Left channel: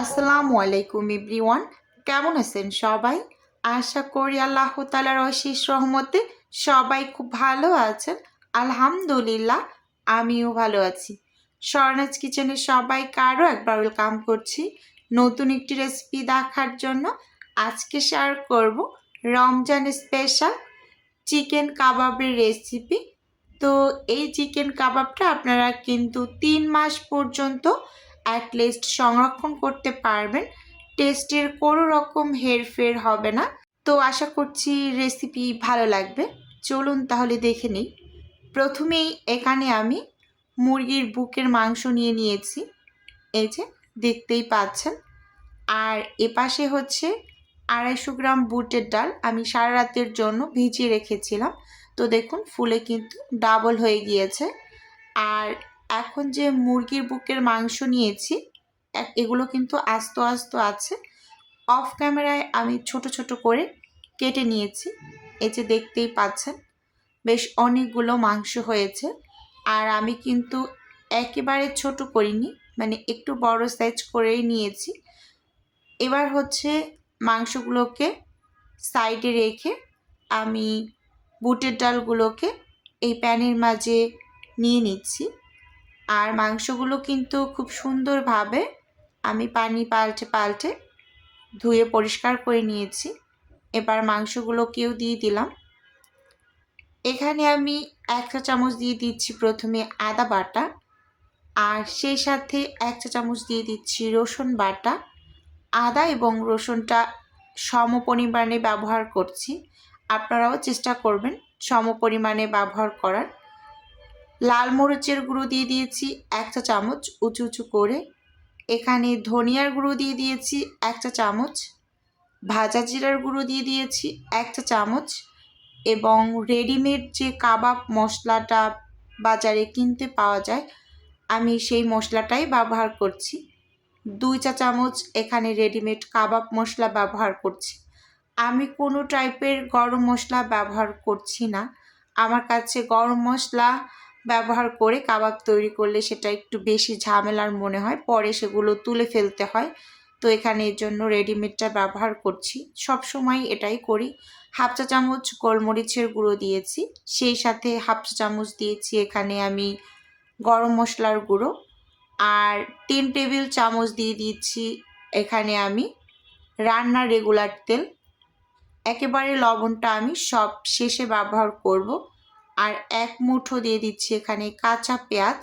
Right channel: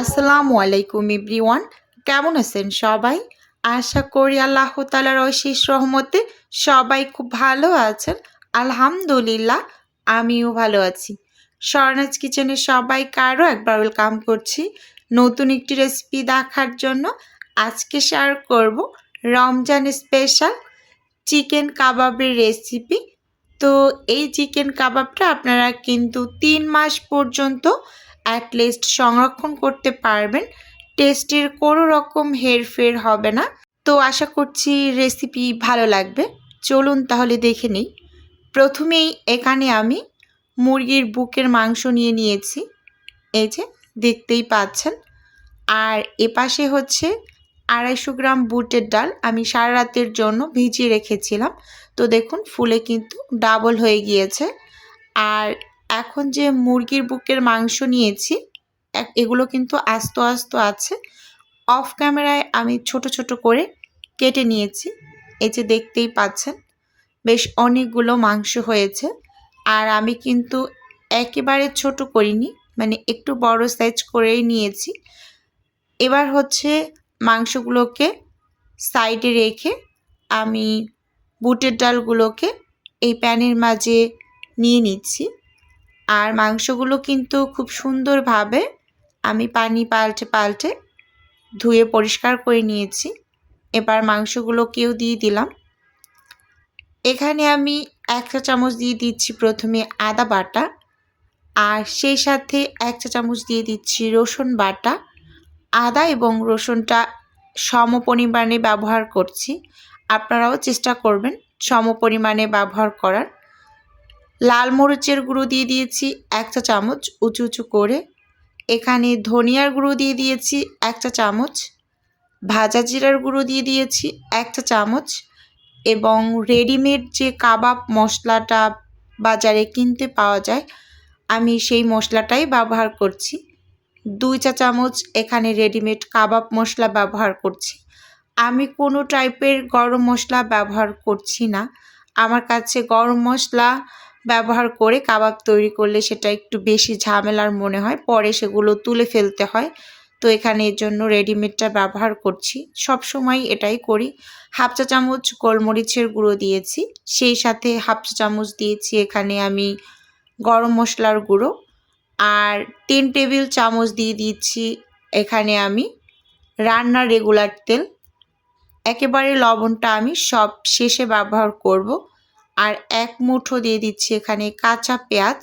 আসসালামু আলাইকুম এভরিওয়ান। কেমন আছেন সবাই? আশা করি আল্লাহ তালার অশেষ রহমতে সবাই খুব ভালো আছেন। আলহামদুলিল্লাহ, আমিও ভালো আছি। স্বর্ণাজ কিচেনে সবাই কারও একবার ওয়েলকাম করছি নতুন একটি রেসিপি দেখার জন্য। আজকে শেয়ার করব রমজান স্পেশাল চিকেন কাবাবের রেসিপি। তো এই চিকেন কাবাবটা আপনারা কিন্তু তিন মাস পর্যন্ত অ্যাটলিস্ট সংরক্ষণ করতে পারবেন। টেস্টের কোনো রকম হেরফের হবে না। তো আশা করছি রেসিপি ভালো লাগবে। চলুন তাহলে দেখে নিই। প্রথমেই এখানে আমি মুরগির বুকের মাংস নিয়ে নিয়েছি। এই যে, দেখতেই পাচ্ছেন। আর এপাশে হচ্ছে আড়াইশো গ্রাম বুটের ডাল আমি সারা রাতের জন্য ভিজিয়ে রেখেছিলাম। তো দেখুন, ফুলে কিন্তু ডাবল হয়ে গিয়েছে। আর এখন যে মুরগির বুকের মাংস নিয়েছি এগুলো কিন্তু আস্ত আস্ত আছে। অফ ক্যামেরায় আমি ছোট ছোট করে কেটে নিয়েছি। এই যে দেখতেই পাচ্ছেন, বেশ অনেকগুলো মাংস হয়েছে। আর আমি কিন্তু একেবারে ছোট করিনি মানে একটু বড় সাইজ করেই নিয়েছি। এবার হচ্ছে মাংসগুলোকে সাইডে রেখে আমি বুটের ডালগুলোকে এই প্যানের মাঝে নিয়ে নিচ্ছি। আর মাংসগুলো কিন্তু খুব সুন্দরভাবে আমি পানি পাল্টে পাল্টে ধুয়ে পরিষ্কার করে নিয়েছি। এবার মাংসগুলোকেও দিয়ে দিলাম। এখানে আমি এক চা চামচ দিয়ে দিচ্ছি প্রথমে আদা বাটা আর সেই সাথে এক চা চামচ দিয়ে দিচ্ছি রসুন বাটা। আদা এবং রসুনটা সম পরিমাণে ব্যবহার করছি। আপনারাও চেষ্টা করবেন সম পরিমাণে ব্যবহার করার। লাল মরিচের গুঁড়ো দিয়ে দিয়েছি এক চা চামচ উঁচু উঁচু করে। এখানে ধনিয়ার গুঁড়ো দিয়ে দিয়েছি এক চা চামচ। ভাজা জিরার গুঁড়ো দিয়ে দিয়েছি এক চা চামচ। এবং রেডিমেড যে কাবাব মশলাটা বাজারে কিনতে পাওয়া যায়, আমি সেই মশলাটাই ব্যবহার করছি। দুই চা চামচ এখানে রেডিমেড কাবাব মশলা ব্যবহার করছি। আমি কোনো টাইপের গরম মশলা ব্যবহার করছি না। আমার কাছে গরম মশলা ব্যবহার করে কাবাব তৈরি করলে সেটা একটু বেশি ঝামেলার মনে হয়। পরে সেগুলো তুলে ফেলতে হয়। তো এখানে এর জন্য রেডিমেডটা ব্যবহার করছি। সব সময় এটাই করি। হাফ চা চামচ গোলমরিচের গুঁড়ো দিয়েছি। সেই সাথে হাফ চা চামচ দিয়েছি এখানে আমি গরম মশলার গুঁড়ো। আর তিন টেবিল চামচ দিয়ে দিচ্ছি এখানে আমি রান্নার রেগুলার তেল। একেবারে লবণটা আমি সব শেষে ব্যবহার করব। আর এক মুঠো দিয়ে দিচ্ছি এখানে কাঁচা পেঁয়াজ।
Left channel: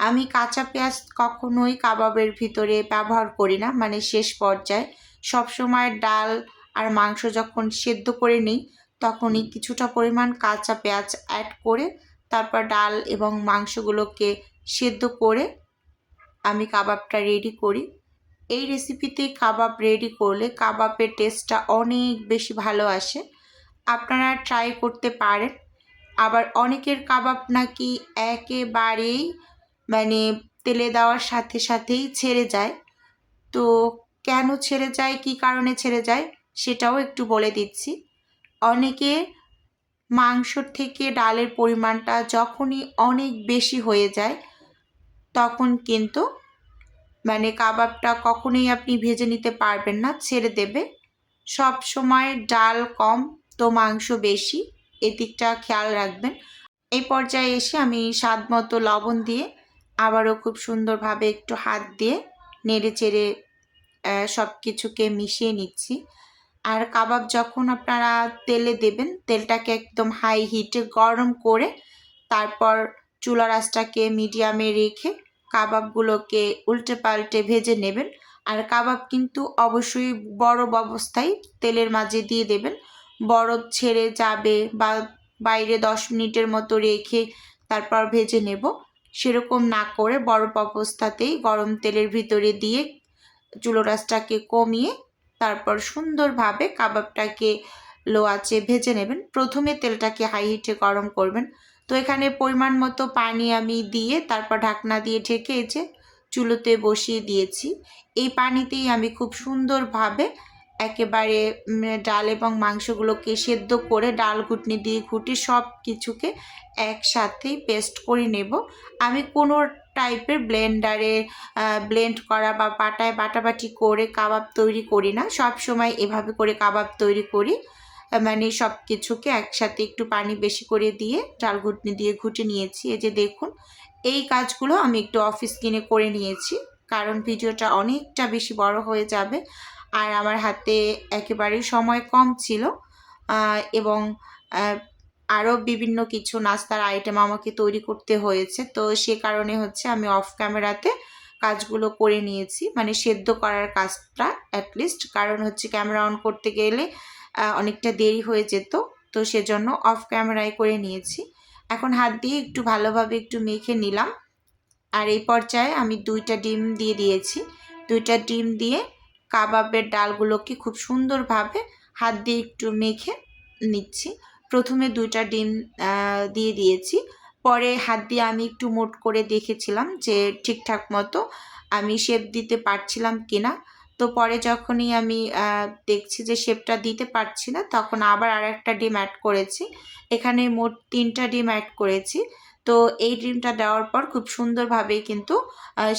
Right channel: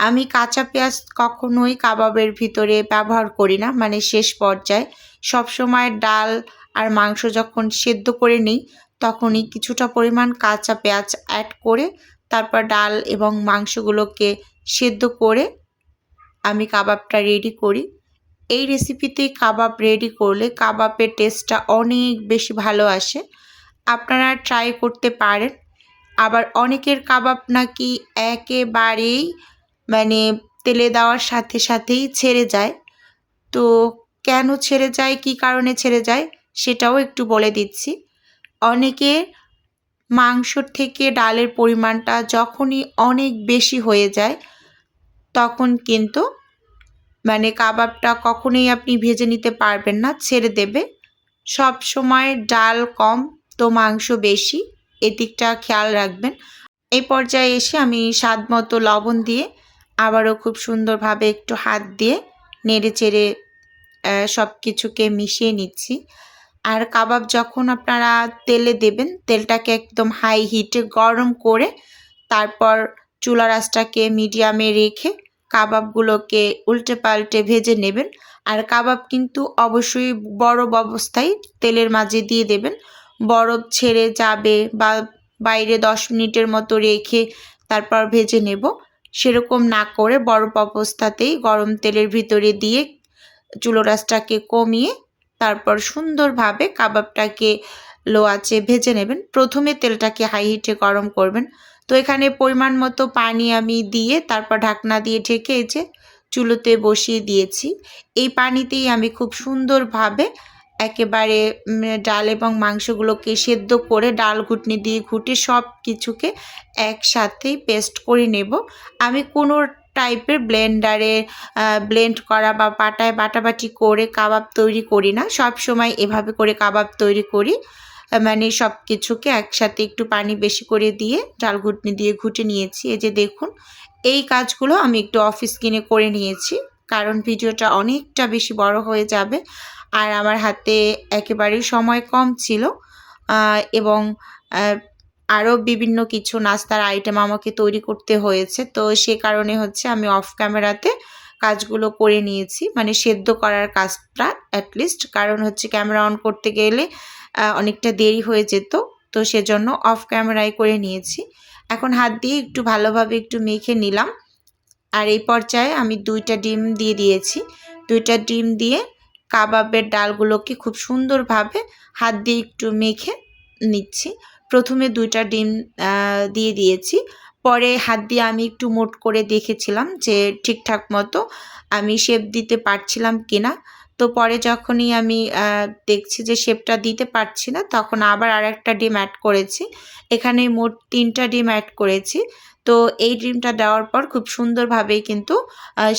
আমি কাঁচা পেঁয়াজ কখনোই কাবাবের ভিতরে ব্যবহার করি না মানে শেষ পর্যায়ে। সবসময় ডাল আর মাংস যখন সেদ্ধ করে নিই, তখনই কিছুটা পরিমাণ কাঁচা পেঁয়াজ অ্যাড করে, তারপর ডাল এবং মাংসগুলোকে সেদ্ধ করে আমি কাবাবটা রেডি করি। এই রেসিপিতে কাবাব রেডি করলে কাবাবের টেস্টটা অনেক বেশি ভালো আসে। আপনারা ট্রাই করতে পারেন। আবার অনেকের কাবাব নাকি একেবারেই মানে তেলে দেওয়ার সাথে সাথেই ছেড়ে যায়। তো কেন ছেড়ে যায়? কী কারণে ছেড়ে যায়? সেটাও একটু বলে দিচ্ছি। অনেকে মাংসর থেকে ডালের পরিমাণটা যখনই অনেক বেশি হয়ে যায়, তখন কিন্তু মানে কাবাবটা কখনোই আপনি ভেজে নিতে পারবেন না, ছেড়ে দেবে। সব সময় ডাল কম, তো মাংস বেশি। এদিকটা খেয়াল রাখবেন। এই পর্যায়ে এসে আমি স্বাদ মতো লবণ দিয়ে আবারও খুব সুন্দরভাবে একটু হাত দিয়ে নেড়ে চেড়ে সব কিছুকে মিশিয়ে নিচ্ছি। আর কাবাব যখন আপনারা তেলে দেবেন, তেলটাকে একদম হাই হিটে গরম করে তারপর চুলা রাসটাকে মিডিয়ামে রেখে কাবাবগুলোকে উল্টে পাল্টে ভেজে নেবেন। আর কাবাব কিন্তু অবশ্যই বরফ অবস্থায় তেলের মাঝে দিয়ে দেবেন। বরফ ছেড়ে যাবে বা বাইরে দশ মিনিটের মতো রেখে তারপর ভেজে নেব। সেরকম না করে বরফ অবস্থাতেই গরম তেলের ভিতরে দিয়ে চুলো রাসটাকে কমিয়ে তারপর সুন্দরভাবে কাবাবটাকে লো আঁচে ভেজে নেবেন। প্রথমে তেলটাকে হাই হিটে গরম করবেন। তো এখানে পরিমাণ মতো পানি আমি দিয়ে তারপর ঢাকনা দিয়ে ঢেকে যে চুলোতে বসিয়ে দিয়েছি। এই পানিতেই আমি খুব সুন্দরভাবে একেবারে ডাল এবং মাংসগুলোকে সেদ্ধ করে ডাল ঘুটনি দিয়ে ঘুটে সব কিছুকে একসাথেই পেস্ট করে নেব। আমি কোনো টাইপের ব্লেন্ডারে ব্লেন্ড করা বা পাটায় বাটাবাটি করে কাবাব তৈরি করি না। সব সময় এভাবে করে কাবাব তৈরি করি। মানে সব কিছুকে একসাথে একটু পানি বেশি করে দিয়ে ডাল ঘুটনি দিয়ে ঘুটে নিয়েছি। এই যে দেখুন, এই কাজগুলো আমি একটু অফিস কিনে করে নিয়েছি। কারণ ভিডিওটা অনেকটা বেশি বড় হয়ে যাবে। আর আমার হাতে একেবারেই সময় কম ছিল। এবং আরও বিভিন্ন কিছু নাস্তার আইটেম আমাকে তৈরি করতে হয়েছে। তো সে কারণে হচ্ছে আমি অফ ক্যামেরাতে কাজগুলো করে নিয়েছি। মানে সেদ্ধ করার কাজটা অ্যাটলিস্ট কারণ হচ্ছে ক্যামেরা অন করতে গেলে অনেকটা দেরি হয়ে যেত। তো সেজন্য অফ ক্যামেরায় করে নিয়েছি। এখন হাত দিয়ে একটু ভালোভাবে একটু মেখে নিলাম। আর এই পর্যায়ে আমি দুইটা ডিম দিয়ে দিয়েছি। দুইটা ডিম দিয়ে কাবাবের ডালগুলোকে খুব সুন্দরভাবে হাত দিয়ে একটু মেখে নিচ্ছি। প্রথমে দুইটা ডিম দিয়ে দিয়েছি। পরে হাত দিয়ে আমি একটু মোট করে দেখেছিলাম যে ঠিকঠাক মতো আমি শেপ দিতে পারছিলাম কিনা। তো পরে যখনই আমি দেখছি যে শেপটা দিতে পারছি না, তখন আবার আর একটা ডিম অ্যাড করেছি। এখানে মোট তিনটা ডিম অ্যাড করেছি। তো এই ডিমটা দেওয়ার পর খুব সুন্দরভাবেই কিন্তু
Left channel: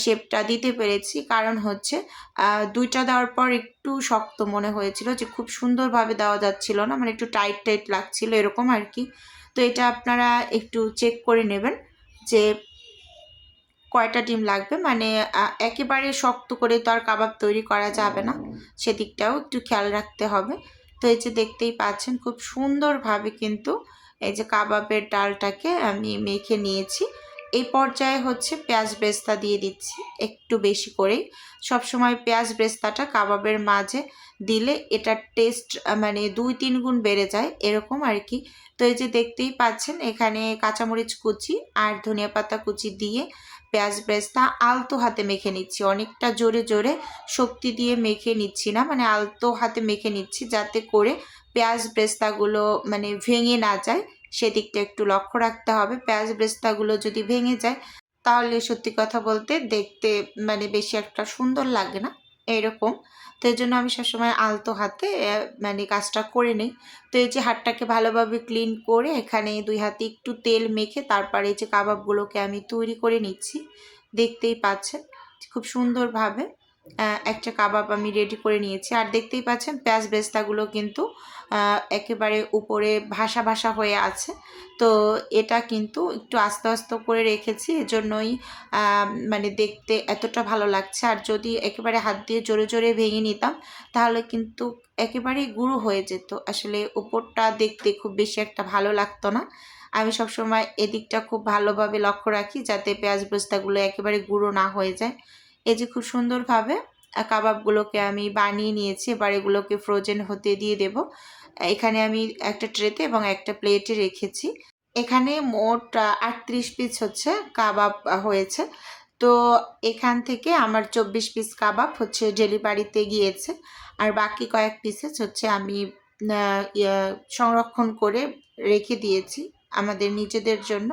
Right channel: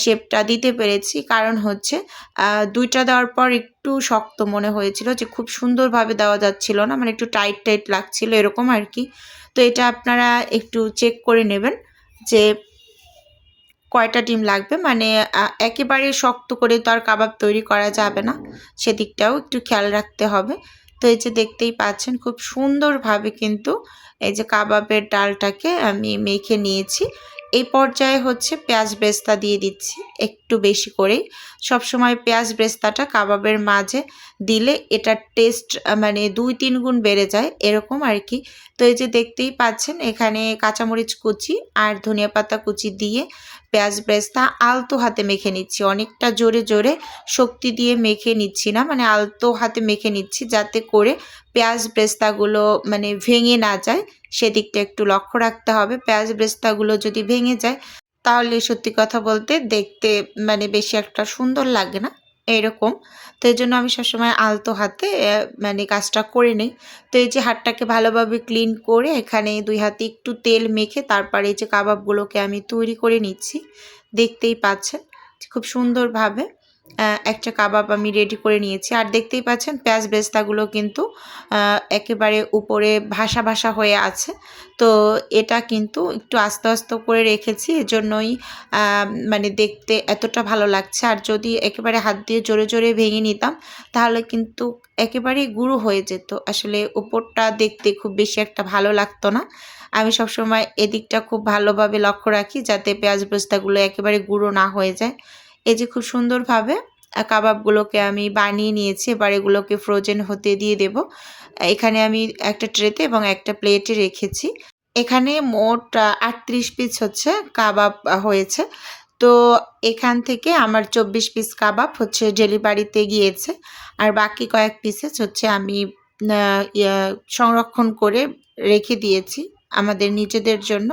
শেপটা দিতে পেরেছি। কারণ হচ্ছে দুইটা দেওয়ার পর একটু শক্ত মনে হয়েছিল যে খুব সুন্দরভাবে দেওয়া যাচ্ছিল না মানে একটু টাইট টাইট লাগছিল এরকম আর কি তো এটা আপনারা একটু চেক করে নেবেন যে কয়টা ডিম লাগবে। মানে একেবারে শক্ত করে তো আর কাবাব তৈরি করা যাবে না, সেদিকটাও একটু খেয়াল রাখতে হবে। তো এই যে দেখতেই পাচ্ছেন, খুব সুন্দরভাবে কিন্তু এই যে কাবাবের ডালটাকে আমি মেখে নিয়েছি। এই পর্যায়ে হচ্ছে পেঁয়াজ বেস্তা দিয়ে দিচ্ছি একটু বেশি করেই। সবসময় পেঁয়াজ বেস্তাটা কাবাবের মাঝে দিলে এটার টেস্ট মানে দুই তিন গুণ বেড়ে যায় এরকম আর কি তো এই যে দেখতেই পাচ্ছেন এখানে কাঁচামরিচ কুচি আর ধনিয়া পাতা কুচি দিয়ে পেঁয়াজ ব্রেস্তা আলতো হাতে মেখে নিচ্ছি। অনেকটা জোরে জোরে শক্তি দিয়ে মেখে নিচ্ছি না মানে আলতো হাতে মেখে নিচ্ছি যাতে করে পেঁয়াজ ব্রেস্তাগুলো মানে ভেঙে না যায়। সেদিকটা একটু লক্ষ্য রাখতে হবে। পেঁয়াজ ব্রেস্তাগুলো যদি ভেঙে যায়, তাহলে সত্যি কথা বলতে দেখতে মানে বেশি একটা সুন্দর লাগে না। এরকম। তো এই জন্য আমি সবসময় আলতো হাতে মানে কাজটা করে নিই। তো এই যে হাতটাকে ভালোভাবে ক্লিন করে এখানে দুই হাতে একটু তেল মেখে তারপরে এই যে কাবাবগুলোকে আমি তৈরি করে নিচ্ছি। দেখতেই পাচ্ছেন, খুব সুন্দরভাবে। একটা কাবাব আমি রেডি করে নিয়েছি। আর দেখতেই পাচ্ছেন, পেঁয়াজ বেস্তাগুলো কিন্তু একেবারে উপরে ভাসা ভাসা হয়ে আছে। তো এটা কিন্তু একটু আস্তে আস্তে করে রেখেছি, এজন্যই মানে দেখতে এতটা ভালো লাগছে। আর যদি একেবারে হাত দিয়ে জোরে জোরে ভেঙে নিতাম, তাহলে কিন্তু একেবারেই গুঁড়ো হয়ে যেত। আসলে উপরটা দেখতে খুব বেশি একটা ভালো লাগতো না। আমি সবসময় এদিকটা খুব ভালোভাবে লক্ষ্য রাখি, যাতে পেঁয়াজ বেস্তাগুলো একেবারে গুঁড়ো না হয়ে যায়। এই যে খুব সুন্দরভাবে কাবাবগুলোকে আমি বানিয়ে নিয়েছি। এবার এগুলোকে ফ্রোজেন হতে দিয়ে দেব। এখানে আমি একটা ট্রেতে এবং একটা প্লেটে রেখেছি। এখানে মোট আটত্রিশ পিস হচ্ছে কাবাব হয়েছে। তো এখান থেকে আমার চব্বিশ পিস কাবাব হচ্ছে ডেলিভারিতে গিয়েছে। আর বাকি কয়েক পিসেস হচ্ছে আমি সংরক্ষণ করে রেখে দিয়েছি আমাদের নিজেদের জন্য।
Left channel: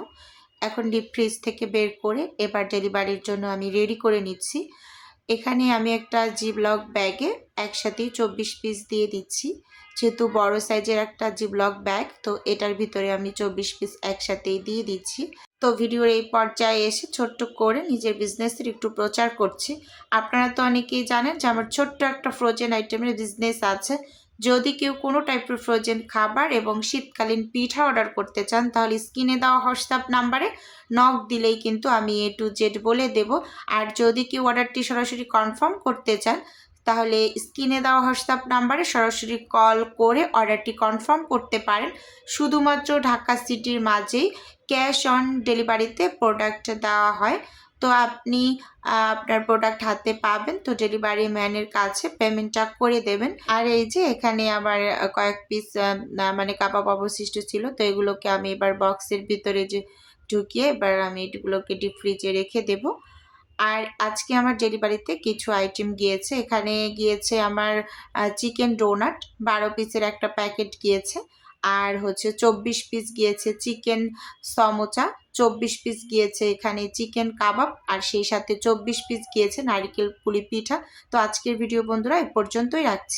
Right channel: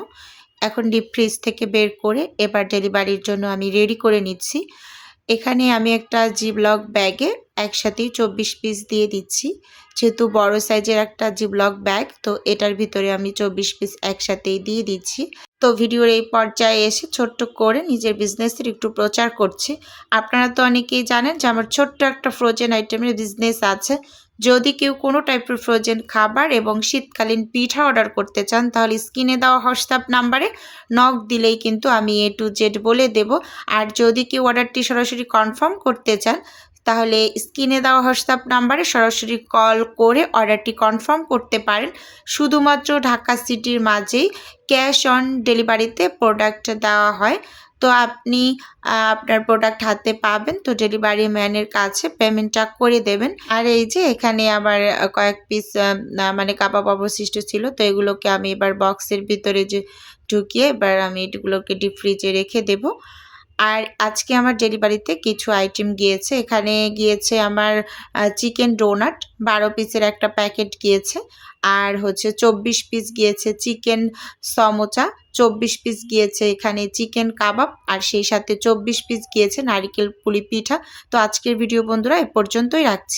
এখন ডিপ ফ্রিজ থেকে বের করে এবার ডেলিভারির জন্য আমি রেডি করে নিচ্ছি। এখানে আমি একটা জিবলক ব্যাগে একসাথেই চব্বিশ পিস দিয়ে দিচ্ছি। যেহেতু বড় সাইজের একটা জিবলক ব্যাগ তো এটার ভিতরে আমি চব্বিশ পিস একসাথেই দিয়ে দিচ্ছি। তো ভিডিওর এই পর্যায়ে এসে ছোট্ট করে নিজের বিজনেসের একটু প্রচার করছি। আপনারা তো অনেকেই জানেন যে আমার ছোট্ট একটা ফ্রোজেন আইটেমের বিজনেস আছে। যদি কেউ কোনো টাইপের ফ্রোজেন খাবার এবং শীতকালীন পিঠা অর্ডার করতে চান, তাহলে স্ক্রিনে দেওয়া হোয়াটসঅ্যাপ নাম্বারে নক দিলেই কিন্তু আমি এ টু জেড বলে দেব। আর যদি কেউ অর্ডারটি সরাসরি কনফার্ম করতে চান, তাহলে স্ক্রিনে দেওয়া হোয়াটসঅ্যাপ নাম্বারে সরাসরি কল করে অর্ডারটি কনফার্ম করতে পারেন। শুধুমাত্র ঢাকা সিটির মাঝেই ক্যাশ অন ডেলিভারিতে প্রোডাক্ট দেওয়া হয়। তো আপনি আপনার প্রোডাক্ট হাতে পাবেন, তো ডেলিভারি ম্যানের কাছে পেমেন্টটা করে দেবেন। আর এই যে এখানে আবার কয়েক পিস মানে কাবাব অবশিষ্ট ছিল, তো এগুলোকে আমি এবার বক্সের ভিতরে যে ঢুকিয়ে এবার আমি এগুলোকে ডিপ ফ্রিজে রেখে দেব। আর আজকে আমার ডেলিভারিতে কিছু আইটেম গিয়েছে। এখানে গিয়েছে আমার চিকেন ডোনাট, বারো পিসের একটা প্যাকেট গিয়েছে। আর হচ্ছে চব্বিশ পিস গিয়েছে চিকেন সমোচা, চব্বিশ পিস গিয়েছে এখানে চিকেন কাবাব, আর সেই সাথে চব্বিশ পিস গিয়েছে নারিকেল পুলি পিঠা। তো আজকের ভিডিও বন্ধুরা এ পর্যন্তই রাখছি।